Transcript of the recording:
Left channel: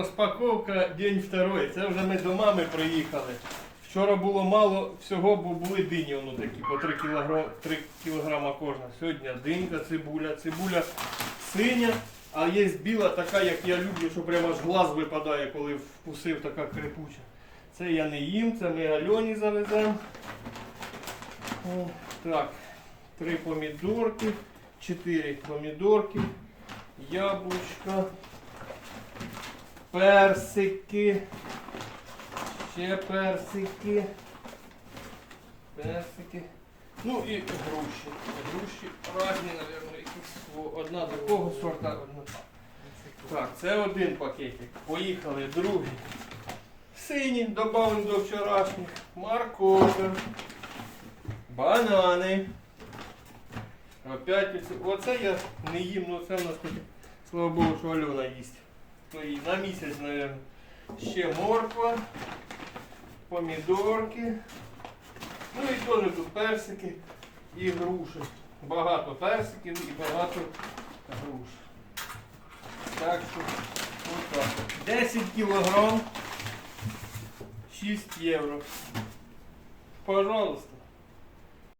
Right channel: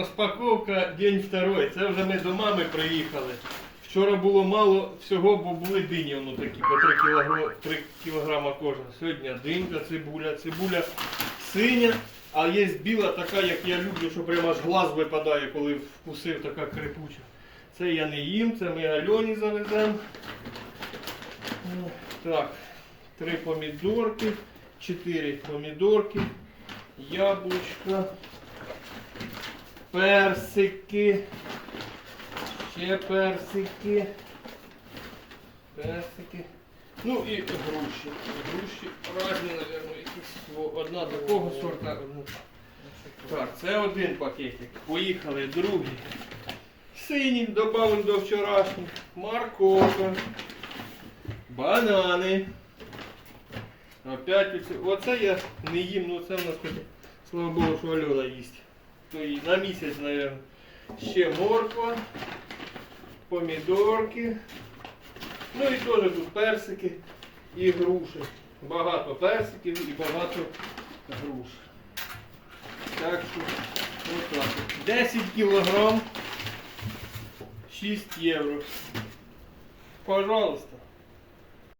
Розпаковка день второй. Це вже ми до мами приїхали. Вчора було мало всього, бо були дині воно такі по 3 кілограма, 3 кілограма кожна. Сьогодні динька, цибуля, цибуля синя, а є біла така, як я люблю, що прямо з глаз випадає, коли вкусив така крепуча. Це я не їм, це ми Альоні завеземо. Так, три помідорки, чотири помідорки, яблучка, персики, ще персики, персики. Ну і груші. Груші різні, мабуть, якісь. Одна такого сорта, одна. Так, це один пакетик. Поїхали, другий. Синій, додамо до вчорашніх. Морковка. Банани. Опять оце, я не їм, ну це в нас слава Богу, що Альона їсть. То і на місяць, мабуть. Ще морква, помідорки. Ну і теж тут персики і груші. Багато персиків і багато груш. Так що отак. 10 кілограм 6 євро. Пожалуйста.